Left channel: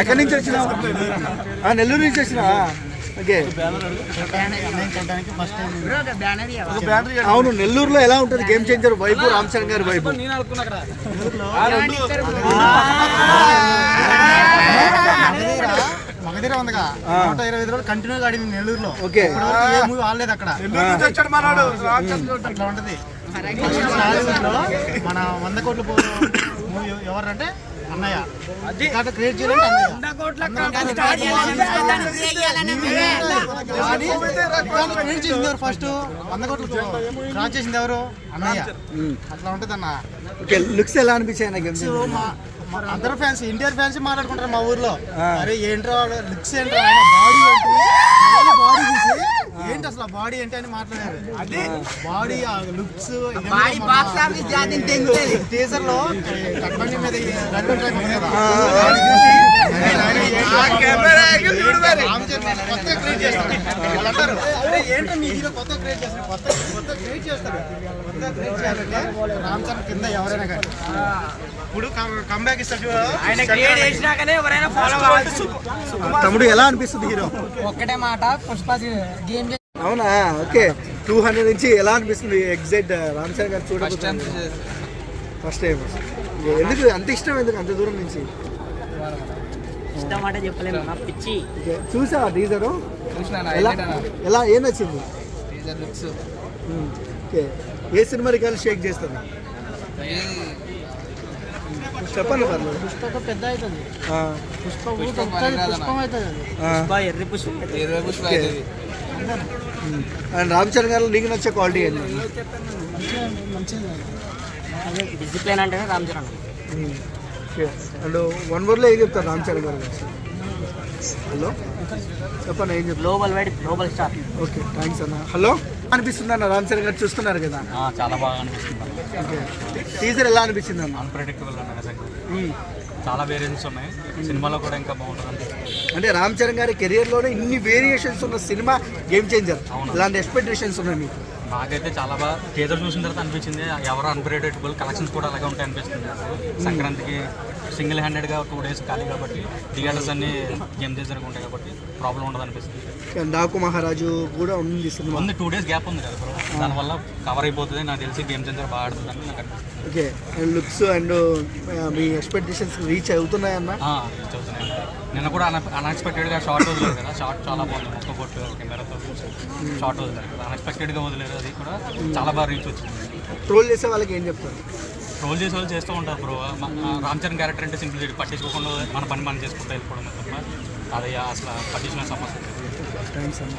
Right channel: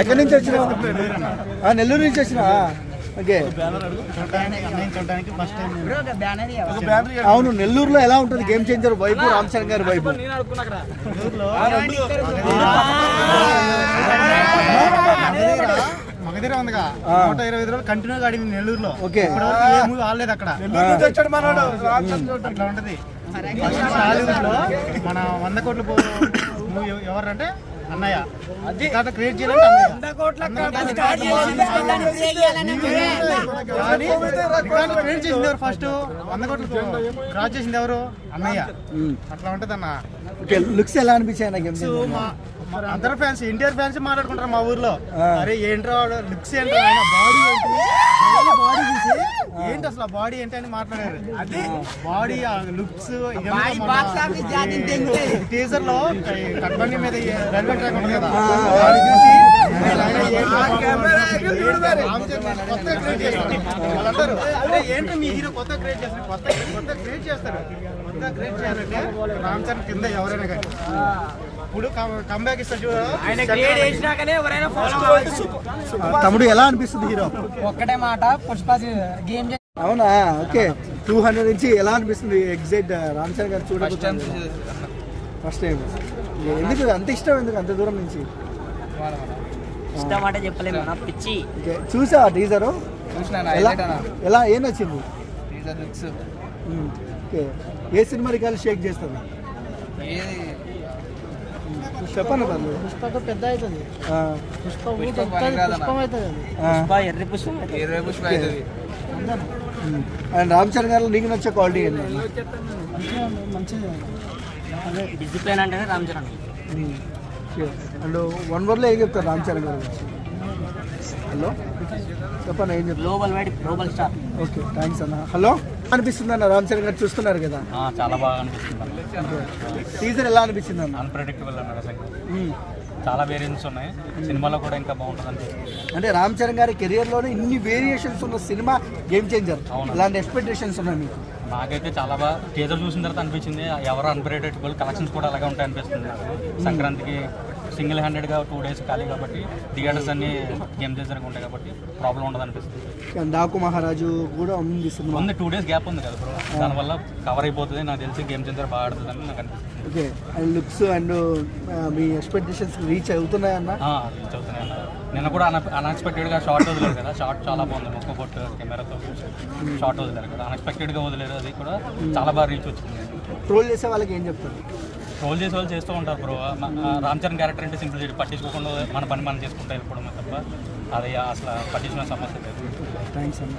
ఎక్కడి నుంచి వచ్చినావు? నెల్లూరు నుంచి వచ్చినావా? ఓకే. అవును, నెల్లూరులో ఎలా ఉంటుంది గేమ్ చేంజర్ వైపు, రామ్ చరణ్ గారి వైపు? మగధీర ఉందిగా 125 రోజులు కంటిన్యూగా ఆడింది నెల్లూరులో. ఓకే. ఏ మూవీ ఆడలేదు అక్కడ. అట్లా ఉంటది. టాలీవుడ్ లో మన 100 కోట్ల మూవీ ఎవరంటే అన్నయ్య. క్రియేట్ చేయాలంటే క్రియేట్ చేసింది ఎవరు? ఫస్ట్ 100 కోట్లు క్రాస్ చేసింది ఎవరు? అన్నయ్య. అట్లా ఉంటది అన్న. లుక్స్ ఎలా అనిపించాయి? అందరు ఫ్యాన్స్, ఎన్టీఆర్ ఫ్యాన్స్ మాట్లాడుకుంటారు మా ఊర్లో. అరే ఏంట్రా లుక్స్ ఏంట్రా, ఆయన బాడీ ఏంటి, బాడీ చూసి ఏంటి అసలు బాడీ ఏంటి అని మాట్లాడారు. బాడీ లుక్స్ టీజర్ లో కట్బండి మీద రైల్వే ట్రాక్ ఉంది కదా, కొత్తగా క్రియేట్ చేస్తారు. ఏంటో మీ హీరో కొత్తగా క్రియేట్ చేస్తారు, కొత్తగా క్రియేట్ చేస్తారు. రామ్ చరణ్ కింద ఎవరైనా కానీ ఇప్పుడు కంబ్యాక్ ఇస్తాడు. తమ్ముడు ఎలా అనిపిస్తుంది హీరో? ఒక్కటే మాట, పుష్ప గేమ్. అవునా? ఓకే. 200 నుంచి ఎలా అనిపిస్తుంది? ఎగ్జైట్ రామ్ చరణ్ గారు చూడండి ఫస్ట్ టైం. ఎందుకు అంత ఇష్టం? ఎందుకు అంత దూరం నుంచి ఇష్టం అంటే చెప్పలేము. పిచ్చి చూసా టీజర్? ఎలా ఏం నచ్చింది? ఓకే. ఏ సినిమా రికార్డు షేక్ చేస్తుంది? చెప్పండి. పుష్పకు పెద్ద అవుతుంది. అండ్ రామ్ చరణ్ గారు నీకు నచ్చే క్వాలిటీ ఏంటి? డిసిప్లిన్ అంటే రామ్ చరణ్. అండ్ 1 wordలో ఏం చెప్తారు రామ్ చరణ్ గారు? హలో చెప్పండి, ఏం చెప్తారు? Global star. ఓకే, థ్యాంక్స్ అన్న. హలో అనిపిస్తుంది అన్న, రామ్ చరణ్ గారు చూస్తున్నారు కదా? చాలా బాగా అనిపిస్తుంది. టీజర్ ఎలా అనిపించింది అన్న? అన్ప్రెడిక్టబుల్ అన్న, చాలా వేరియేషన్స్ ఉన్నాయి. సినిమాలో కూడా ఇంకా బాగుంటుంది అనిపిస్తుంది. అంటే రామ్ చరణ్ గారి కెరియర్లోనే ఇన్ని వేరియేషన్స్ ఉన్న సినిమా గేమ్ చేంజర్. ఇలాంటి ఎక్స్పెక్టేషన్స్ ఉన్నాయి మీకు? మాకైతే చాలా బాగా టీజర్ చూసిన తర్వాత అనిపించింది. ఎవరు అన్ప్రెడిక్టబుల్, కలెక్షన్స్ కూడా అలాగే ఉంటాయి అనిపిస్తుంది. సంక్రాంతికి సింగిల్ హ్యాండెడ్గా 2 days ఖాళీ కాబట్టి థియేటర్స్ అన్ని గేమ్ చేంజర్గా ఉంటాయి కాబట్టి ప్రాబ్లం ఉండదు అనిపిస్తుంది. డాకు మహారాజు కూడా ఉంది సినిమా, ఉంది 2 days గ్యాప్ ఉంది కదా బ్రో, దానివల్ల కవర్ అయిపోతుంది. నాకు తెలిసి గేమ్ చేంజర్ బాగా ఆడుతుంది అని నాకు అనిపిస్తుంది. ఓకే. అండ్ లుక్స్ అండ్ మీ ఎక్స్పెక్టేషన్స్ రీచ్ అవుతున్నాయన్నా? చదువుతున్నాయి. నిన్న కూడా అన్ఎక్స్పెక్టెడ్గా షార్ట్ వదిలేదు కదా, షార్ట్ చాలా బాగుంది. మొత్తం కొట్టు కెమెరాతో షార్ట్ వదిలేదు కదా, అన్ఎక్స్పెక్టెడ్గా వదిలేదు. అది కూడా చాలా బాగా రీచ్ వచ్చింది. ట్రోల్ చేసే వాళ్ళకి ఏం చెప్తారు? ట్రోల్ చేసే వాళ్ళు చేస్తూ ఉంటారు బ్రో. రామ్ చరణ్ క్యారెక్టర్ అంటే సింపుల్, పట్టించుకోకుండా మన పని మనం చేసుకుంటూ వెళ్ళిపోవడం తప్ప అది అసలు పట్టించుకునే సమస్య లేదు. థ్యాంక్స్ అన్న.